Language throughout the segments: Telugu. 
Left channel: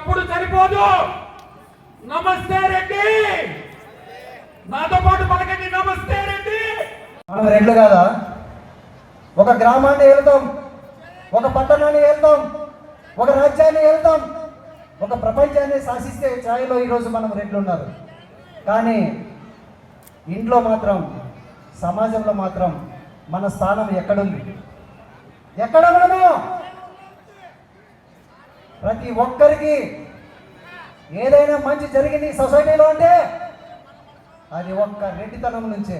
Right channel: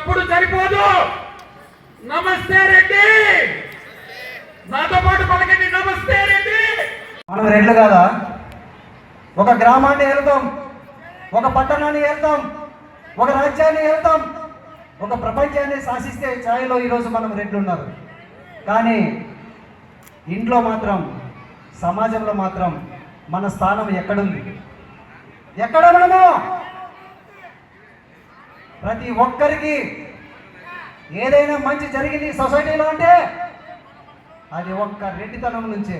అప్పుడు సరిపోదు. నమస్తే రెడ్డి. నాతో పాటు పలకండి నమస్తే రెడ్డి. మనం రెండు కాదా? ఒక గ్రామాన్ని వెళ్తాం ఒక పట్టణాన్ని వెళ్తాం ఒక రాజ్యాన్ని వెళ్తాం ఒక ప్రపంచాన్ని శాసిస్తే ఛాయలో ఈరోజు మనం రెండు ఉన్నారు కానీ ఇంట్లో మాత్రం సమాజంలో మాత్రం మన స్థానం ఎక్కడుంది? ఎక్కడ మనము? ప్రతి ఒక్కరికి ఏదైనా మంచి జరిగింది సొసైటీలో అంటే అది ఒక్క రెడ్డితనం నుంచే.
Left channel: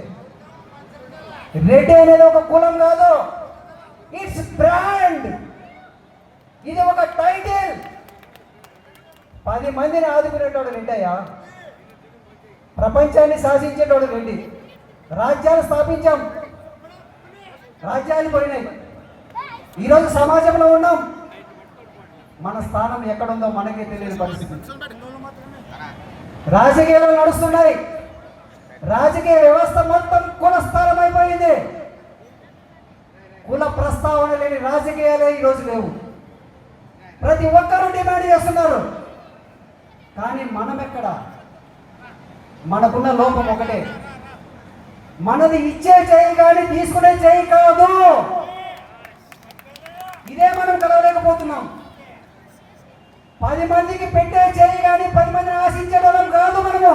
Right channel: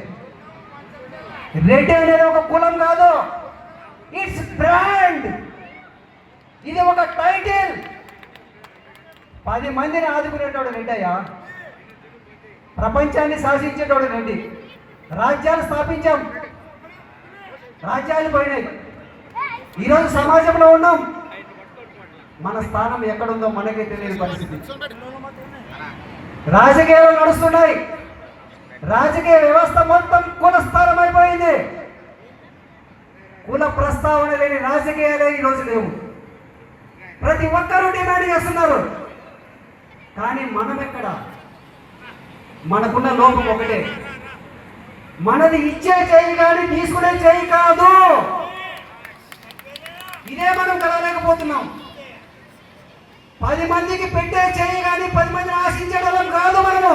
రెడ్డి అనేది ఒక కులం కాదు. ఇట్స్ బ్రాండ్ ఇది ఒక టైటిల్ పది మందిని ఆదుకునేటోడు రెడ్డి అయ్యా ప్రపంచాన్ని శాసించేటోడు రెడ్డి. రాజ్యాలు స్థాపించాం. రాజ్యాలు పడినాయి. ఈరోజు సమాజంలో ఉన్నాం. మన స్థానం ఎక్కడుందో మనకే తెలియని పరిస్థితి. రాజకీయాలు నడుస్తున్నాయి. రాజకీయ వ్యవస్థ మొత్తం కులస్థానం అయిపోయింది కుల ప్రస్తావన లేని రాజకీయాలే ఈరోజు లేవు. ప్రతి ఒక్కరూ డిమాండ్ చేస్తున్నారు. కానీ మనం ఎక్కడ మనకున్న లోపం ఒకటే. మనది ఇచ్చే చేయి కానీ తీసుకునే చేయి కాదు. ఇదే మనం కలవలేకపోతున్నాం. పది మందికి పెట్టే చేయి కానీ పది మందిని ఆశించడం కాదు మనము.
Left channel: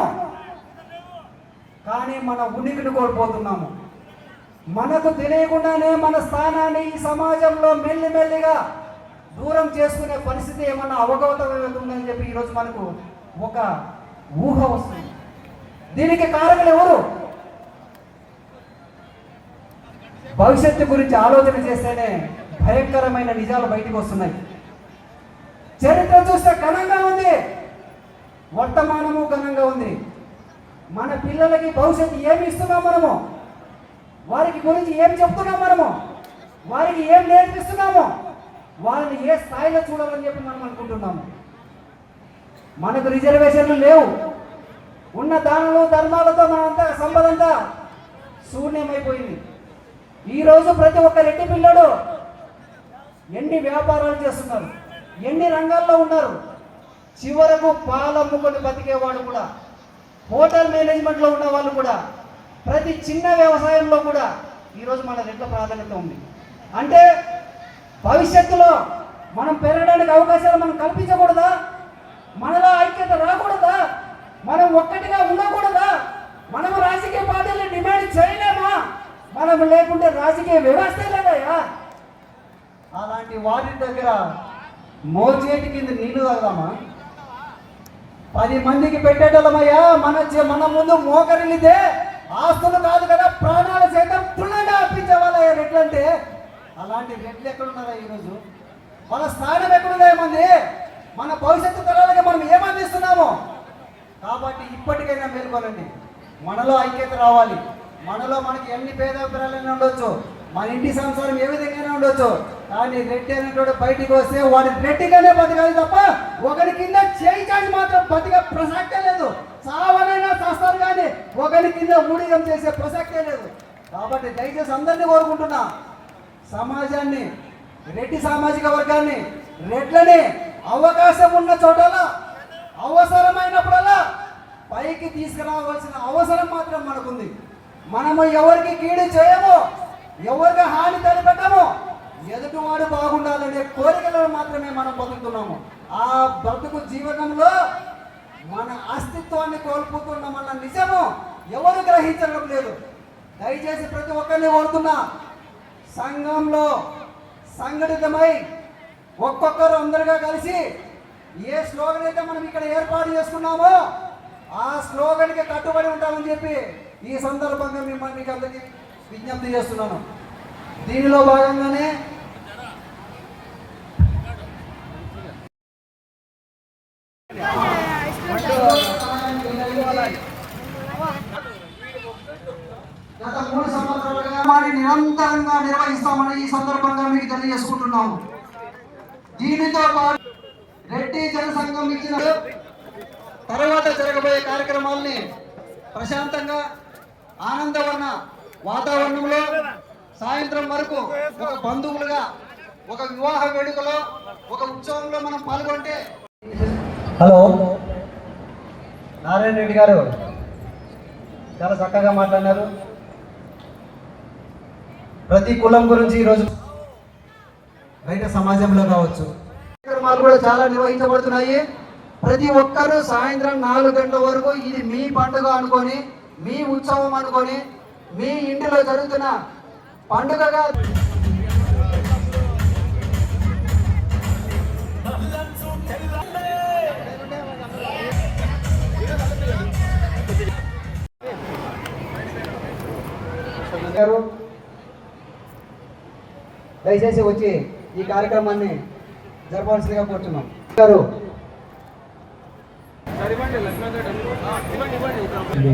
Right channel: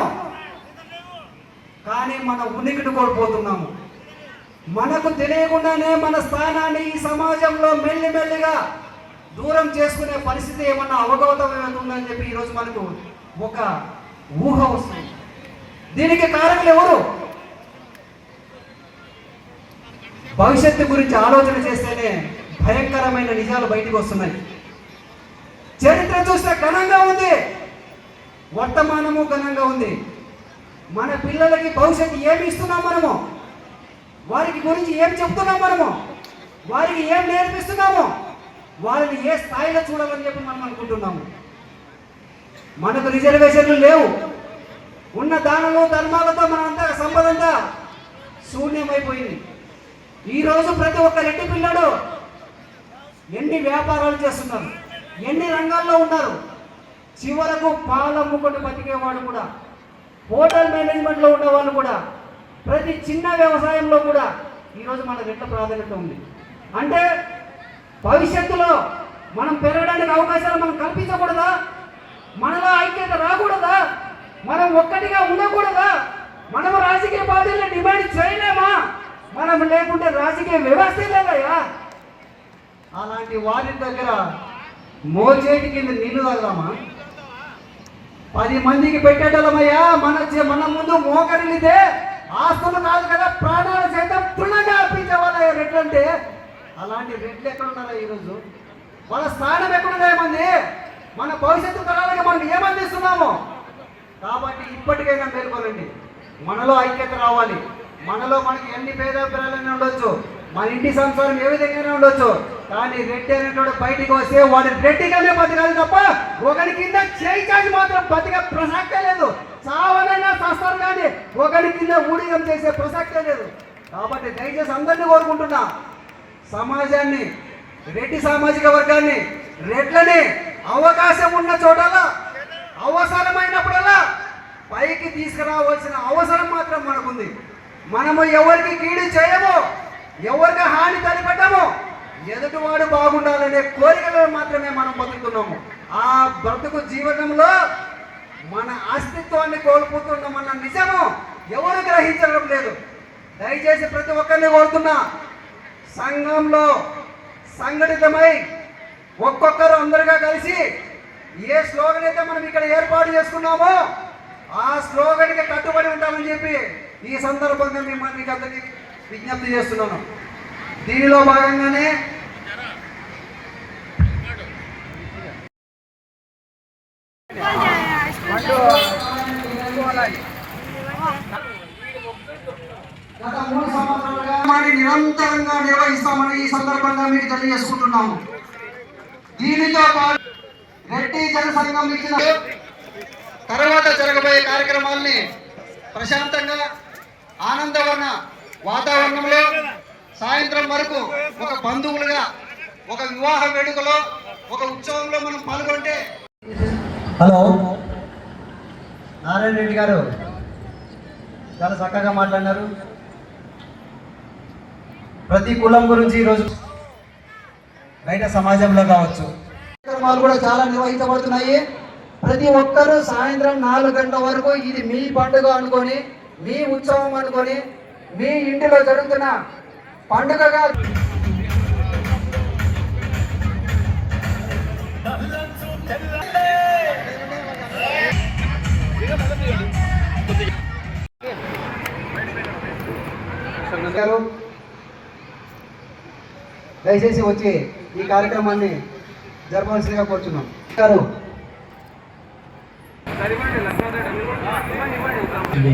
కానీ మన ఉనికిని కోల్పోతున్నాము. మనకు తెలియకుండానే మన స్థానాన్ని ఈ సమాజంలో మెల్లిమెల్లిగా దూరం చేసుకునే పరిస్థితి ఏమన్నా అవగతం ఉందని చెప్పి ఈరోజు మనకు ఒక ఊహ వస్తుంది. దీనికి కారణం ఎవరు? భవిష్యత్తు గురించి ఆలోచన చేస్తేనే భయంకరమైన నిజాలు బయటకు వస్తున్నాయి. చరిత్ర చూస్తే ఘనంగా ఉంది. వర్తమానము ఘనంగా ఉంది. మన పిల్లలకి భవిష్యత్తు ఏమి ఇస్తున్నాం మనము? వారికి గురించి ఏం చెప్తున్నాం మనము? వారికి ఏం నేర్పిస్తున్నాము? వారిని ఏ స్థాయిలో చూడాలని చెప్పి మనం అనుకుంటున్నాము? మనకు రిజర్వేషన్లు లేవు. ఉన్న దానము ధర్మాలతో మనంతా సంపద అంతా శూన్యమైపోయింది. ఈరోజు ప్రతి ఒక్క రెడ్డి పిల్లడు ఎన్ని వ్యాపారాలు చేస్తున్నారు. ఎన్ని రంగాల్లో ఉన్నారు? చివరకు పాలమ్ముకొని బతికేవాడు కూడా హోటల్ మేనేజ్మెంట్లో ఉన్నవాళ్ళు కూడా ప్రతి చిన్న వ్యవసాయంలో కూడా ఈరోజు మన రెట్ల ప్రాధాన్యత ఉంది. అంటే భవిష్యత్తులో మనం పెరగడానికి అవకాశాలు మనం కల్పించకూడదా? మనలో ఐక్యత రాకూడదా? మనం ఒక్కటిగా ఉండకూడదా? మనం రాజకీయ పార్టీలను డిమాండ్ చేయలేమా? మనం లేకుంటే రాజకీయ వ్యవస్థ లేదయ్యా. అలాంటి వారి దగ్గర మోచేటి కింద నీళ్ళు తాగుదామా? పది మందికి పెట్టేటోళ్ళమయ్యా మన చే- మన ముందు మోకరిల్లితే ఆస్తులు కాదు కదా ప్రాణాల సైతం పుణ్యంగా అర్పించే వాళ్ళ రెడ్లంటే అలాంటి రెడ్లు ఎక్కడున్నారా ఈరోజు? వాళ్ళ స్థానం ఎక్కడున్నాయి మంది? మన భవిష్యత్తు తరాలకి మనం ఏమందిస్తున్నాము కాబట్టి ఇప్పటికైనా మేల్కొనండి. మనలో ఐక్యత రావాలి. మనలో మనకి ఎన్ని పేద ఉండొచ్చు. మన ఇంటి సంసారం ఏ విధంగానే ఉండొచ్చు? కానీ రెడ్డి అనేటువంటి బయటికి వస్తే వాడు రెడ్డిగానే బతకాలి తప్ప ఒకరి కింద చేయి చాచి మాత్రం బతిక ప్రసక్తే లేదు. చావనైనా చేస్తారు కానీ ఒకరి కింద ఊడిగం చేసే ప్రసక్తే లేదు. కాబట్టి దయచేసి అందరినీ కోరుకుంటున్నా సమాజాన్ని రెడ్డి సామాజిక వర్గాన్ని రెడ్లని అవకాశం ఉన్న చోటలా అవసరమైనప్పుడల్లా పైకి తీసుకురావాల్సిన అవసరం మాత్రం మనకుంది. మనము ఎవరికి కీడు చేయము ఎవరికి హాని తలపెట్టము ఎదుటివాడు బాగుండాలనే కోరికలో మాత్రమే మనం బతుకుతున్నాము. ఆ బ్రతుకు జీవనంలో మన అస్తిత్వాన్ని కోల్పోతున్నామన్న నిజము ఎవరు గ్రహించడం లేదు. దయచేసి ప్రతి ఒక్కరిని కోరుతున్నా సంఘంలో సంఘటితమై ఒక్కొక్కరు అందరుగా కలిసి ఏ స్లోగన్ అయితే మనం ఇక్కడ ఏర్పాటు చేసుకున్నామో ఆ స్లోగన్కి కట్టుబడి ఉంటామని చెప్పి ఈ సందర్భంగా మిమ్మల్ని అందరికీ విజ్ఞప్తి చేస్తున్నాను. దీనిలో భాగంగానే గత మూడు సంవత్సరాలుగా నిరంతరంగా నిర్వహిస్తామని ఈ సందర్భంగా మీకు తెలియజేసుకుంటున్నాము. దీనితో పాటు రెడ్డి జనసంఘం ఇచ్చిన తర్వాత జరగబోయే కార్యక్రమాల్ని ప్రశాంతంగా ఆనందవర్ణ వాతావరణంలో సాయంత్రం వరకు ఒక బంధువులుగా ఒక వివాహ వేడుకలో ఒక ఉత్సవంలో మనం పాల్గొంటే హలో. నారాయణ రెడ్డి గారు చాలా చక్కగా మాట్లాడినారు. ప్రతి కులం గురించి ఈరోజు బయట సమాజంలో కావచ్చు. కార్యక్రమాలు కూడా చాలా నిర్వహించబడుతున్నాయి. ప్రతి ఒక్కరూ సాయంత్రం నాలుగు గంటల వరకు ఇది మీ పండుగ అనుకొని మీ ఉత్సవం అనుకొని మీ ఇంటిలో జరుగుతున్న పండుగగా దయచేసి వచ్చి ఈ కార్యక్రమాన్ని జరపాల్సిందిగా కోరుతున్నాం గారు.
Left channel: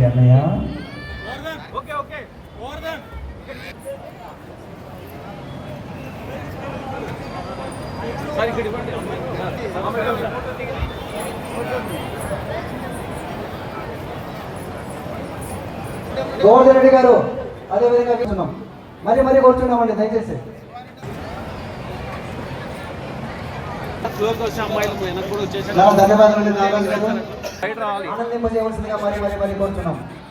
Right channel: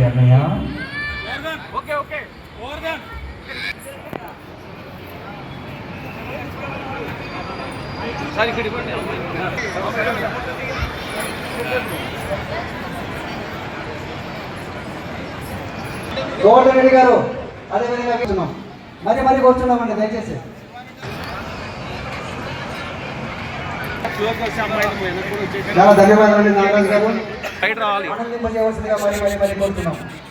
అన్నయ్య. గోవర్ధన్ రెడ్డి గారు అదే విధంగా కూర్చున్నాం మరి మరి కూర్చున్నామండి దయచేసి. చాలా ధన్యవాదాలు అండి నాగరాజు గారు మరి మరి మరి కోరుతున్నాం సో,